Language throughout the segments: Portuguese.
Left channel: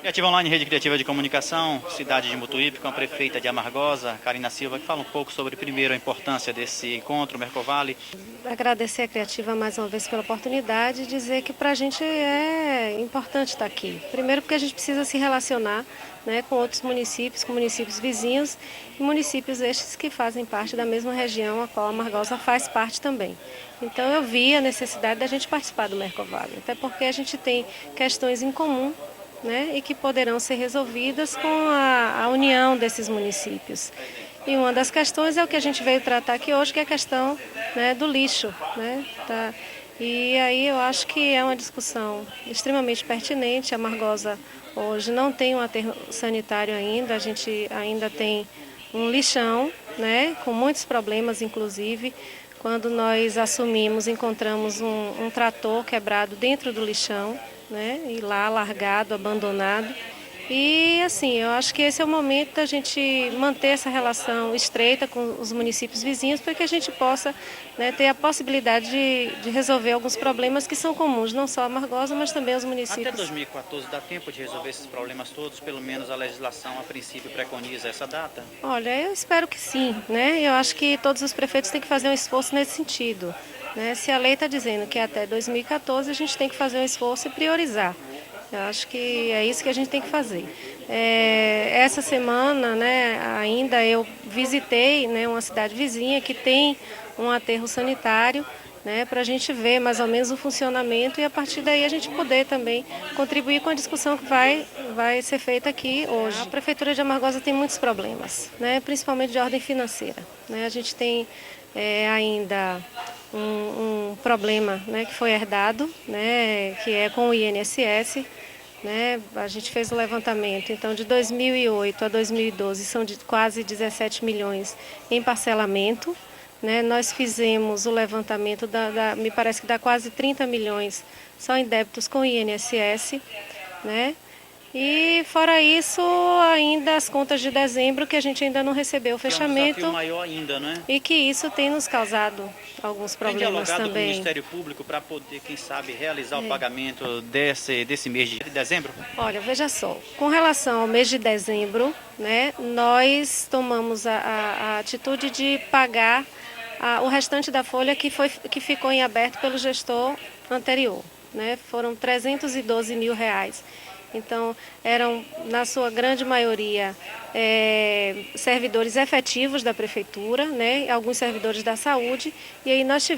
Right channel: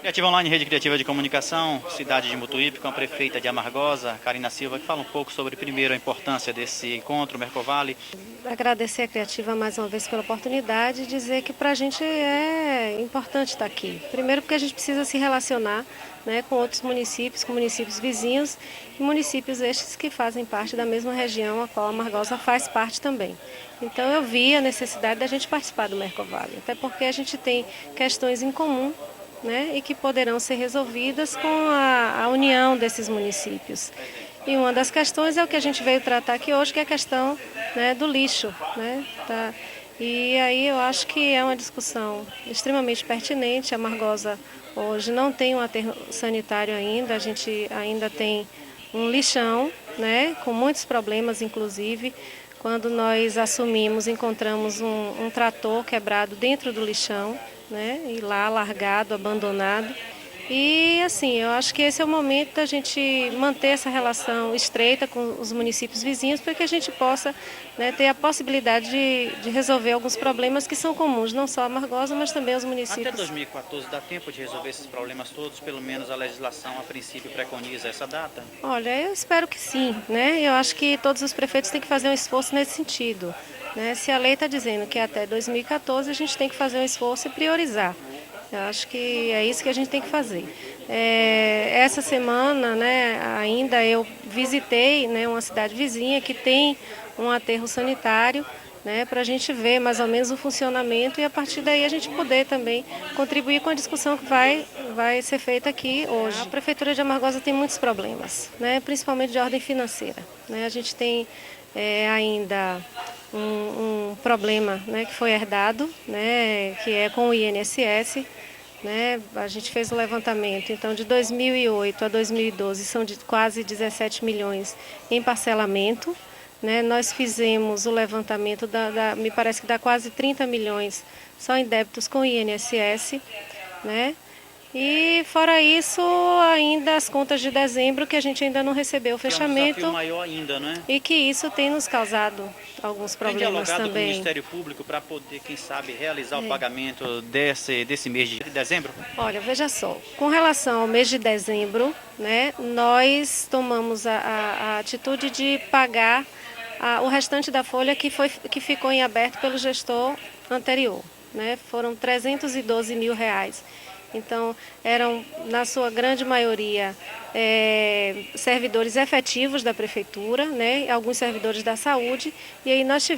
Criativa Online, Rede Criativa de Comunicação, cidade de Mutuípe, com a prefeita de Amargosa, Karina Silva, que fala um pouco sobre, primeiro, a importância desse encontro, Mercovale. Agradecer a Criativa mais uma vez pela oportunidade e dizer que para a gente é importante estar aqui. Primeiro porque a gente precisa se relacionar, né, com outros municípios, com municípios vizinhos e municípios estes que fazem parte da mesma região a qual a Amargosa faz parte também. Então eu vi a necessidade da gente participar do Mercovale, até porque a gente tem questões em comum, né, e que poderão ser resolvidas com a união desses municípios. E uma das questões é o que a gente veio tratar aqui hoje, que é a questão, né, do lixo. Né, tá? E aí eu acho que é uma discussão extremamente pertinente. A Amargosa hoje não tem um aterro sanitário ainda, a gente ainda tem um lixão, né, com muitos problemas, inclusive. Quando nós assumimos, encontramos um trator quebrado dentro do lixão, né, e lá largado, abandonado. E assim, eu acho que esse é o momento da gente manter essa relação estreita com os municípios vizinhos para que a gente possa, né, ter a possibilidade de resolver alguns problemas que são comuns, não só a Amargosa, mas também aos Até municípios. 2014 dá tempo de resolver esses problemas todos, pelo menos a legislação a princípio preconiza essa data? Olha, eu espero que sim, né? Eu acho que todos os prefeitos têm que fazer um esforço nesse sentido, né? Se a lei está dizendo que é até 2014, a gente tem que fazer um esforço e priorizar. Eu acho que é isso que a gente tem que fazer. Essa semana, né, ainda eu visitei, né, uma cidade vizinha que tem um aterro sanitário, né, para a gente ver mais ou menos o funcionamento e a partir daí a gente poder também contribuir com a discussão que vai ser feita aqui hoje. A Prefeitura de Amargosa tem muitos problemas, né, principalmente de ordem financeira. Né, a gente tem ainda um problema, né, que foi herdado, né, que é com o INSS. Né? A gente fez o levantamento, então de 2008 a 2012 são de quase 17 milhões em parcelamento. Né? Nós fizemos o levantamento, me parece que dá quase 30 milhões só em débitos com o INSS. Né? E fora isso, ainda as contas de dezembro que a gente ainda não recebeu o Que é um desafio fechamento maior ainda, né? e que isso tem nos causado alguns Tem problemas dialogado com o também. Ministério Público para poder, quem sabe, realizar o pagamento desse mês de dezembro? Olha, veja só, com relação ao mês de dezembro, né, nós tomamos a atitude de pagar o restante da folha que ficou em aberto pelo gestor anterior. Né, foram 312 mil reais. Então, eram, na sua grande maioria, servidores efetivos da prefeitura, né, alguns servidores da saúde, e aí nós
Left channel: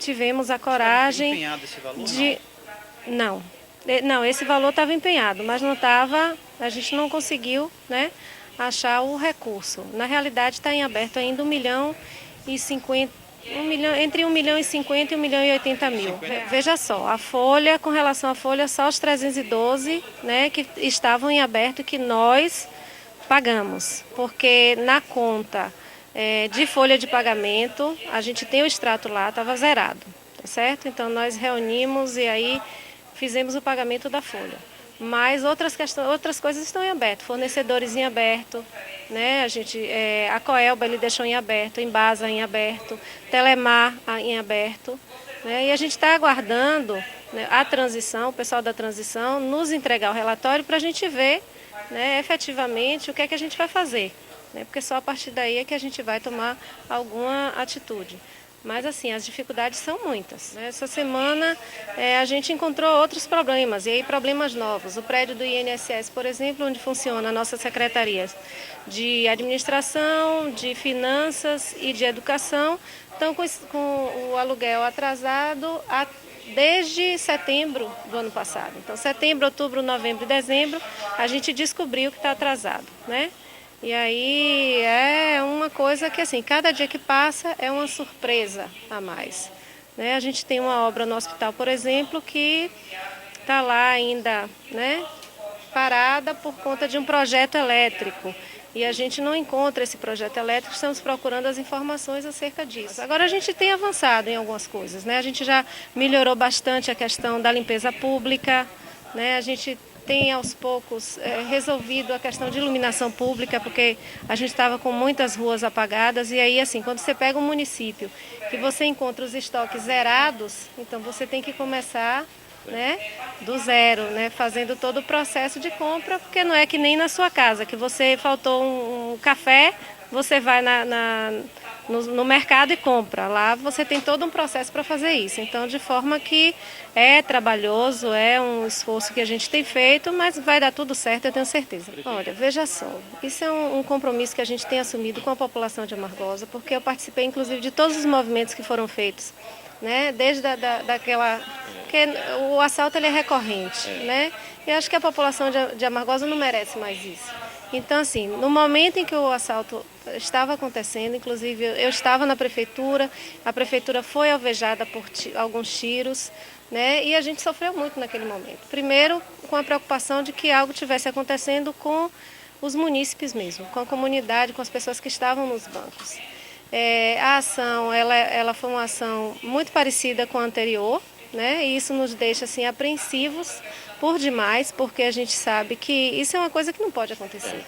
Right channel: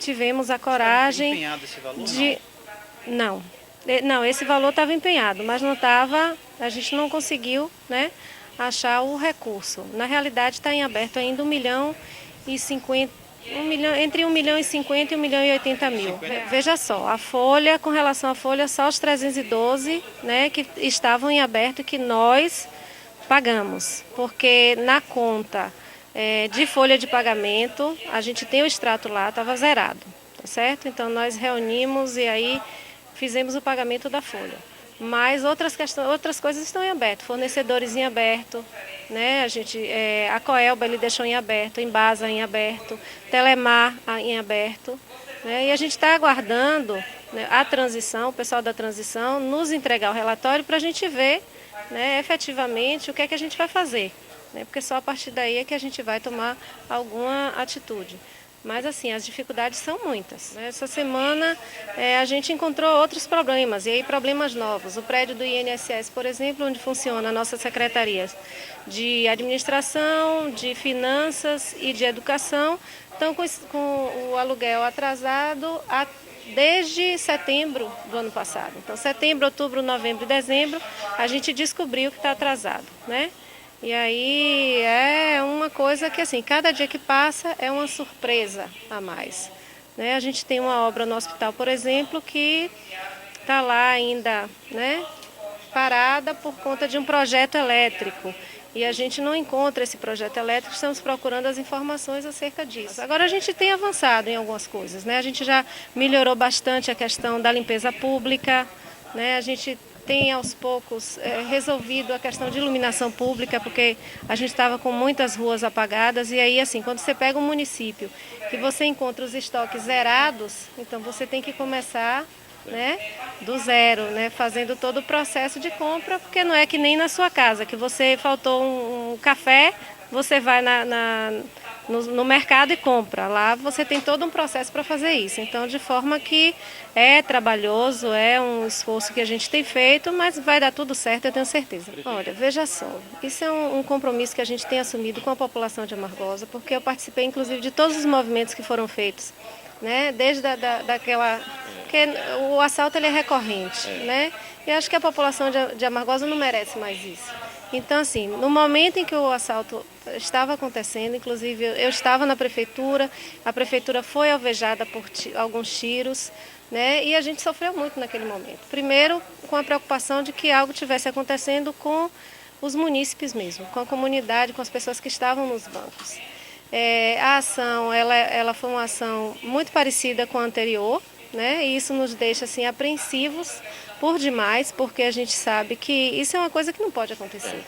tivemos a coragem Empenhado esse valor, de... não? Não, não, esse valor estava empenhado, mas não estava, a gente não conseguiu, né, achar o recurso. Na realidade está em aberto ainda 1 milhão e 50, entre 1 milhão e 50 e 1 milhão e 80 mil. Veja só, a folha, com relação à folha, só os 312, né, que estavam em aberto e que nós pagamos, porque na conta de folha de pagamento, a gente tem o extrato lá, estava zerado, tá certo? Então nós reunimos e aí fizemos o pagamento da folha. Mas outras coisas estão em aberto, fornecedores em aberto, né? A Coelba ele deixou em aberto, Embasa em aberto, Telemar em aberto. Né? E a gente está aguardando, né, a transição, o pessoal da transição, nos entregar o relatório para a gente ver, né, efetivamente o que é que a gente vai fazer. Né? Porque só a partir daí é que a gente vai tomar alguma atitude. Mas assim, as dificuldades são muitas. Essa semana a gente encontrou outros problemas, e aí problemas novos. O prédio do INSS, por exemplo, onde funciona a nossa secretaria de administração, de finanças e de educação, estão com o aluguel atrasado desde setembro do ano passado. Então, setembro, outubro, novembro e dezembro, a gente descobriu que está atrasado, né? E aí é uma coisa que, assim, cada dia que passa é uma surpresa a mais. Né? A gente tem uma obra no hospital, por exemplo, que está lá ainda, né, parada por conta de um projeto elétrico. E a gente não encontra esse projeto elétrico, estamos procurando as informações acerca disso. Agora a gente tem avançado em algumas coisas, né? A gente já melhorou bastante a questão da limpeza pública, né? A gente tem aos poucos resolvido a questão de iluminação pública, porque a gente estava com muitas ruas apagadas, e aí assim, quando você pega um município que você encontra os estoques zerados, então você tem que começar né, do zero, né, fazendo todo o processo de compra, porque não é que nem na sua casa, que você faltou um café, você vai no mercado e compra. Lá você tem todo um processo para fazer isso. Então, de forma que é trabalhoso, é um esforço que a gente tem feito, mas vai dar tudo certo, eu tenho certeza. Olha, veja só, isso é um compromisso que a gente tem assumido com a população de Amargosa, porque eu participei, inclusive, de todos os movimentos que foram feitos, né? Desde daquela... Porque o assalto ele é recorrente, né? E acho que a população de Amargosa não merece mais isso. Então, assim, no momento em que o assalto estava acontecendo, inclusive eu estava na prefeitura, a prefeitura foi alvejada por alguns tiros, né? E a gente sofreu muito naquele momento. Primeiro, com a preocupação de que algo estivesse acontecendo com os munícipes mesmo, com a comunidade, com as pessoas que estavam nos bancos. A ação, ela foi uma ação muito parecida com a anterior, né? E isso nos deixa assim apreensivos por demais, porque a gente sabe que isso é uma coisa que não pode acontecer.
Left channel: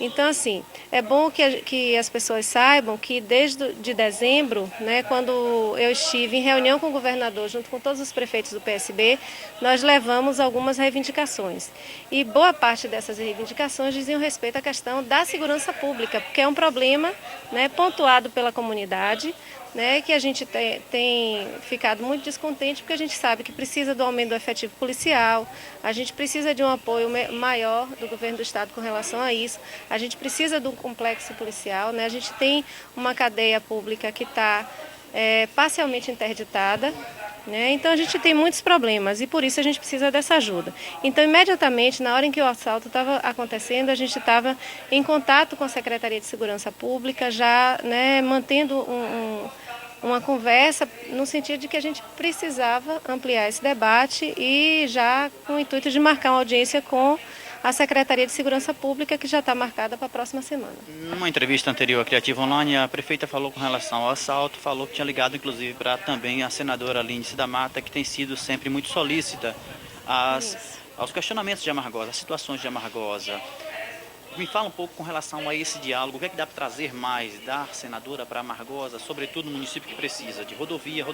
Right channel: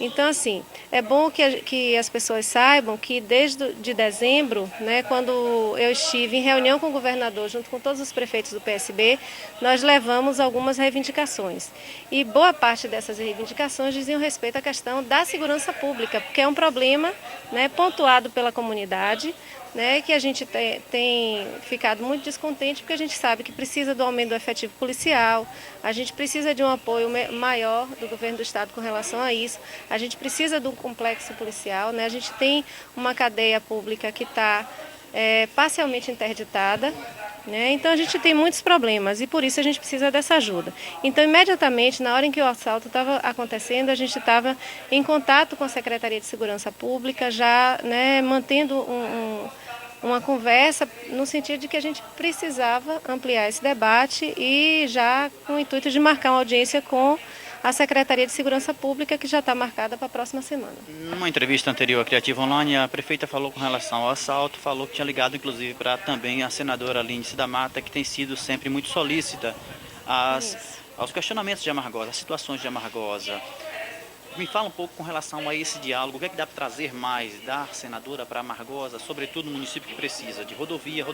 Então, assim, é bom que as pessoas saibam que desde de dezembro, né, quando eu estive em reunião com o governador, junto com todos os prefeitos do PSB, nós levamos algumas reivindicações. E boa parte dessas reivindicações diziam respeito à questão da segurança pública, porque é um problema, né, pontuado pela comunidade, né, que a gente tem ficado muito descontente, porque a gente sabe que precisa do aumento do efetivo policial, a gente precisa de um apoio maior do governo do estado com relação a isso, a gente precisa do complexo policial, né, a gente tem uma cadeia pública que está parcialmente interditada, né, então a gente tem muitos problemas e por isso a gente precisa dessa ajuda. Então, imediatamente, na hora em que o assalto estava acontecendo, a gente estava em contato com a Secretaria de Segurança Pública, já, né, mantendo uma conversa no sentido de que a gente precisava ampliar esse debate e já com o intuito de marcar uma audiência com a Secretaria de Segurança Pública, que já está marcada para a próxima semana. Numa entrevista anterior à Criativa Online, a prefeita falou com relação ao assalto, falou que tinha ligado inclusive para também a senadora Lindice da Mata, que tem sido sempre muito solícita aos questionamentos de Amargosa, às situações de Amargosa. Me fala um pouco com relação a esse diálogo, o que é que dá para trazer mais da senadora para Amargosa, sobretudo no município que precisa de rodovia,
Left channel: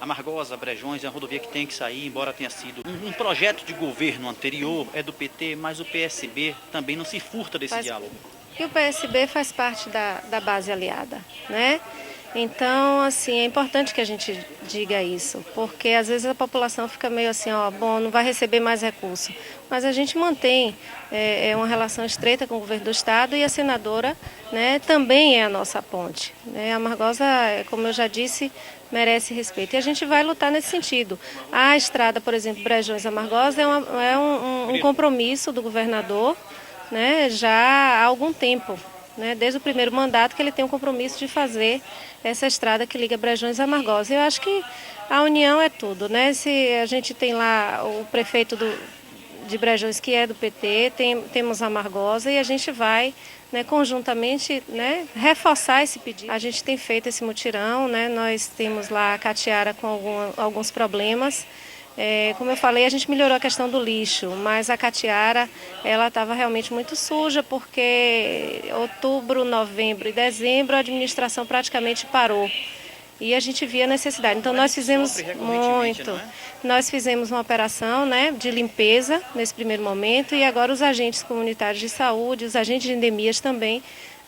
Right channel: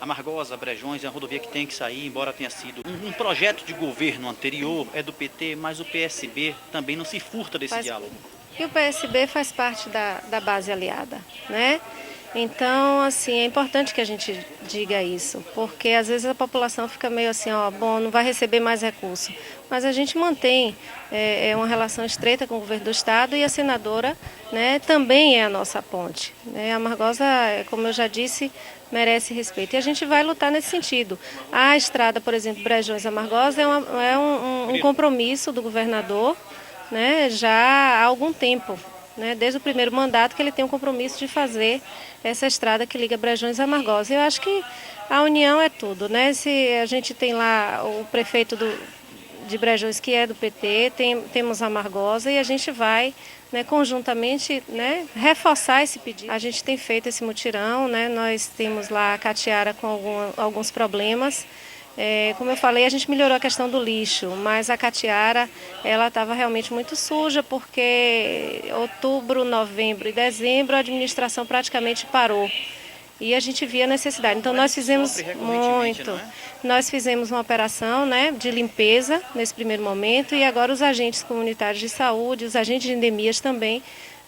Amargosa, Brejões é uma rodovia que tem que sair, embora tenha sido um projeto de governo anterior, é do PT, mas o PSB também não se furta desse diálogo. E o PSB faz parte da base aliada, né? Então, assim, é importante que a gente diga isso, porque às vezes a população fica meio assim, ó, bom, não vai receber mais recurso. Mas a gente mantém uma relação estreita com o governo do estado e a senadora, né, também é a nossa ponte, né? A Amargosa, como eu já disse, merece respeito. E a gente vai lutar nesse sentido. A estrada, por exemplo, Brejões-Amargosa é um compromisso do governador, né, já há algum tempo, né, desde o primeiro mandato que ele tem um compromisso de fazer essa estrada que liga Brejões a Amargosa. Eu acho que a união é tudo, né? Se a gente tem lá o prefeito de Brejões, que é do PT, temos a Amargosa e a gente vai, né, conjuntamente, né, reforçar esse pedido. A gente tem feito esse mutirão, né, nós temos lá a Catiara com alguns problemas. Como eu falei, a gente melhorou a questão do lixo, mas a Catiara ela estava realmente muito suja, porque outubro, novembro e dezembro a administração praticamente parou. E a gente via a necessidade. Então nós fizemos muito. Nós fizemos uma operação, né, de limpeza nesse primeiro momento e agora os agentes comunitários de saúde, os agentes de endemias também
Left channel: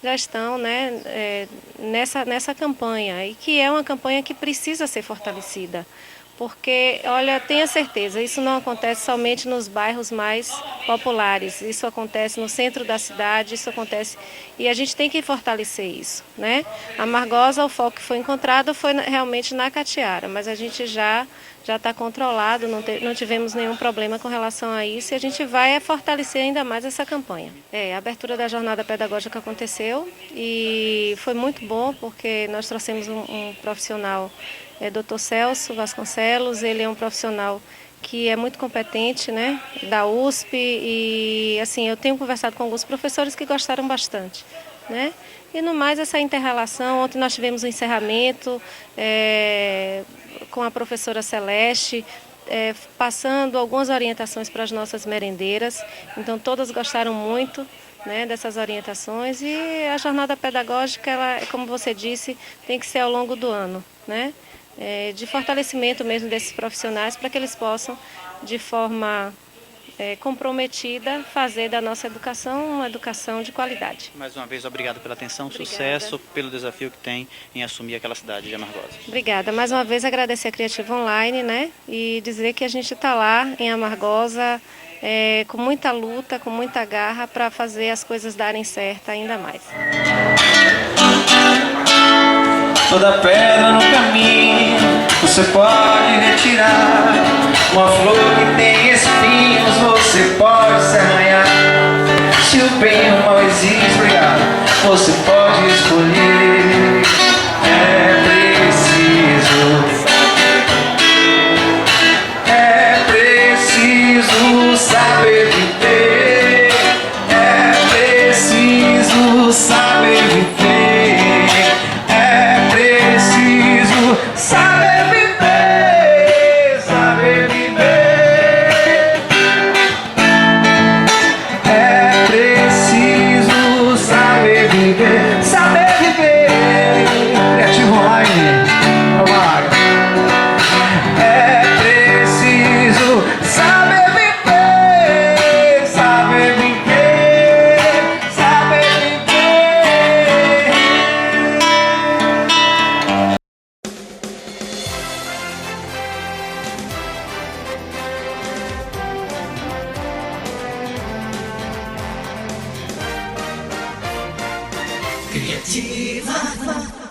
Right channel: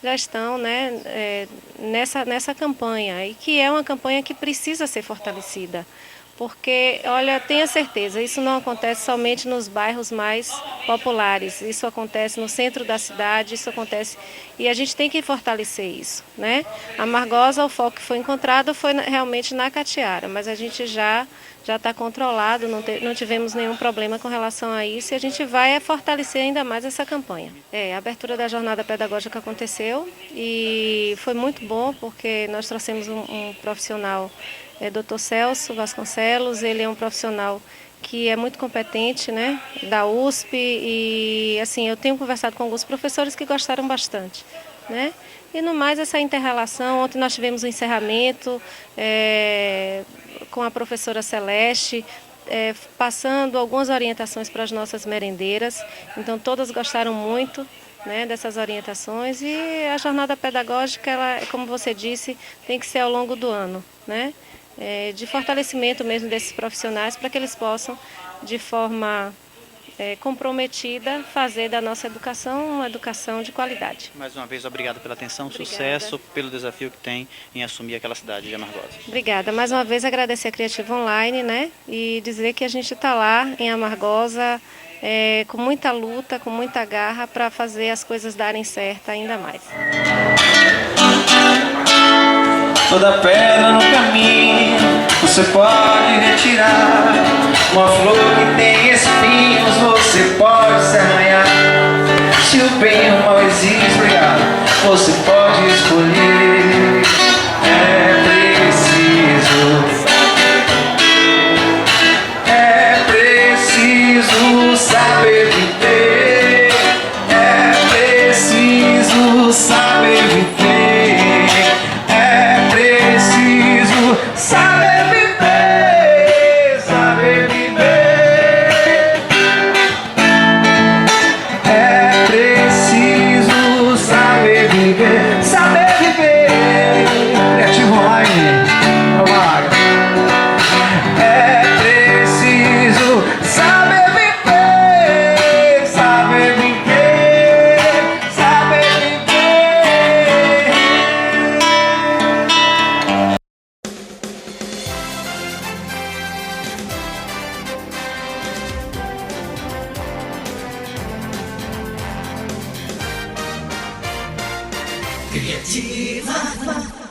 já estão, né, nessa campanha, e que é uma campanha que precisa ser fortalecida. Porque, olha, tenha certeza, isso não acontece somente nos bairros mais populares, isso acontece no centro da cidade, isso acontece... E a gente tem que fortalecer isso, né? A Amargosa, o foco que foi encontrado foi realmente na Catiara, mas a gente já está controlado, não tivemos nenhum problema com relação a isso e a gente vai fortalecer ainda mais essa campanha. A abertura da jornada pedagógica aconteceu e foi muito bom porque nós trouxemos um profissional, Dr. Celso Vasconcelos, ele é um profissional que é muito competente, né, da USP e assim, eu tenho conversado com alguns professores que gostaram bastante, né? E no mais essa inter-relação, ontem nós tivemos um encerramento com a professora Celeste, passando algumas orientações para as nossas merendeiras, então todas gostaram muito, né, dessas orientações e a jornada pedagógica, ela, como você disse, tem que ser ao longo do ano, né? de fortalecimento mesmo desses profissionais para que eles possam, de forma comprometida, fazer da nossa educação uma educação de qualidade. Mais uma vez, obrigado pela atenção, Obrigada. sucesso, pelo desafio que tem em assumir aquela cidade de Amargosa. Obrigada. Mais uma vez agradecer a Criativa Online, né? E dizer que a gente está lá em Amargosa com muita luta, com muita garra para fazer as coisas darem certo ainda mais. Toda pedra no caminho você pode retirar. Uma flor que tem espinhos você pode se arranhar. Se o bem e o mal existe, obrigado, você pode escolher. É preciso saber viver. É preciso saber viver. É preciso saber viver, saber viver. É preciso saber viver, saber viver. Criativa Online, vamos lá. É preciso saber viver, saber viver, saber viver. Criativa.